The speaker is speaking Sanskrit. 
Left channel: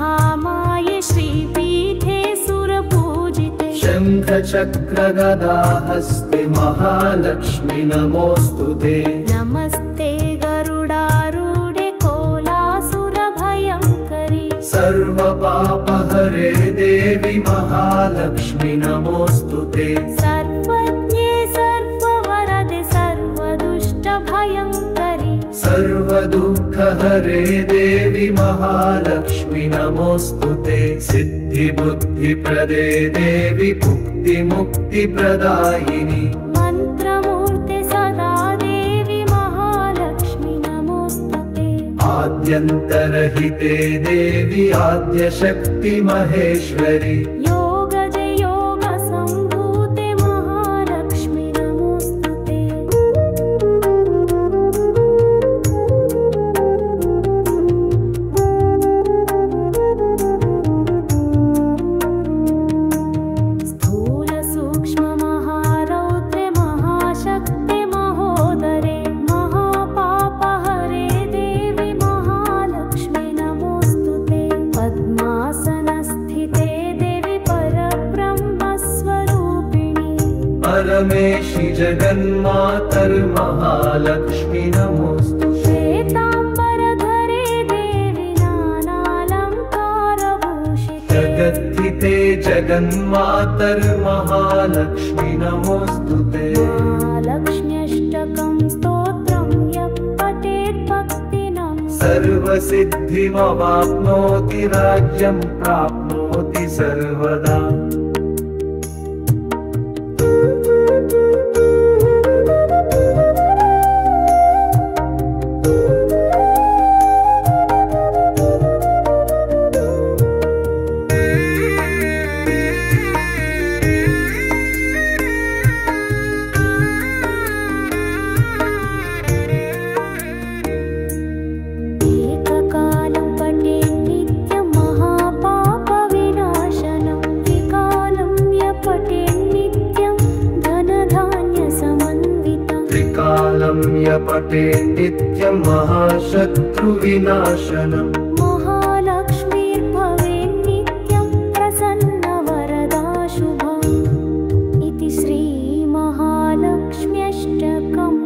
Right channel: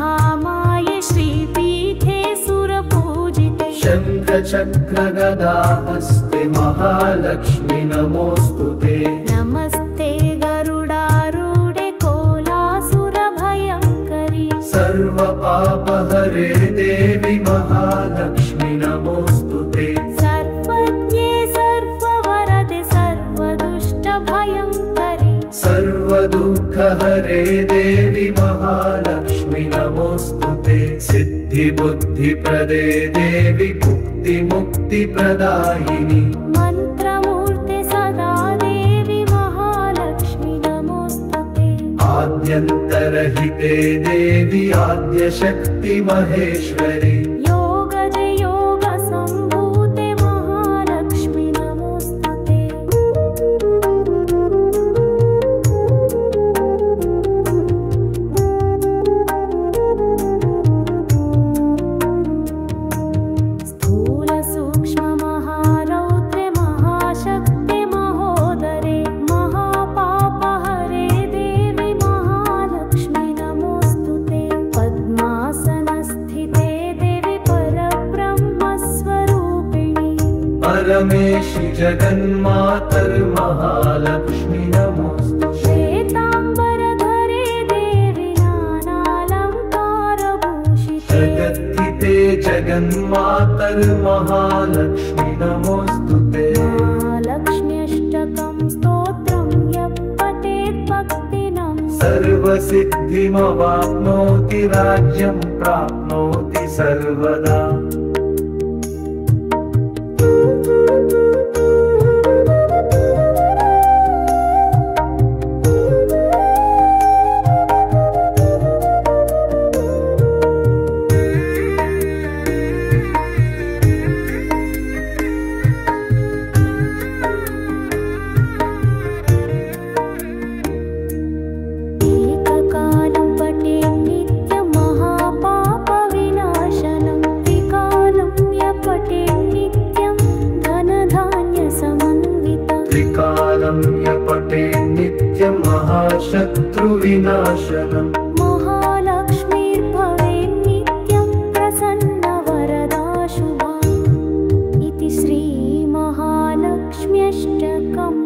महामाये श्रीपीठे सुरपूजिते शङ्खचक्रगदाहस्ते महालक्ष्मी नमोऽस्तुते नमस्ते गरुडारूढे कोलासुरभयङ्करि सर्वपापहरे देवी महालक्ष्मी नमोऽस्तुते सर्वज्ञे सर्ववरदे सर्वदुष्टभयङ्करि सर्वदुःखहरे देवी महालक्ष्मी नमोऽस्तुते सिद्धिबुद्धिप्रदे देवी भुक्तिमुक्तिप्रदायिनि मन्त्रमूर्ते सदा देवी महालक्ष्मी नमोऽस्तुते आद्यन्तरहिते देवी आद्यशक्ति महेश्वरि योगदे योगसम्भूते महालक्ष्मी नमोऽस्तुते स्थूलसूक्ष्ममहारौद्रे महाशक्ते महोदरे महापापहरे देवी महालक्ष्मी नमोऽस्तुते पद्मासनस्थिते देवी परब्रह्मस्वरूपिणी परमेशि जगन्मातर्महालक्ष्मी नमोऽस्तुते श्वेताम्बरधरे देवी नानालङ्कारभूषिते जगद्धिते जगन्मातर्महालक्ष्मी नमोऽस्तुते महालक्ष्म्यष्टकं स्तोत्रं यः पठेत् भक्तिनं सर्वसिद्धिमवाप्नोति राज्यं प्राप्नोति सर्वदा एककालं पठेन् नित्यं महापापविनाशनं विकालं यः पठेन् नित्यं धनधान्यसमन्वितं त्रिकालं यः पठेन् नित्यं महाशत्रुविनाशनम् महालक्ष्मीर्भवेन् नित्यं प्रसन्नवरदा शुभा इति श्रीमहालक्ष्म्यष्टकम्।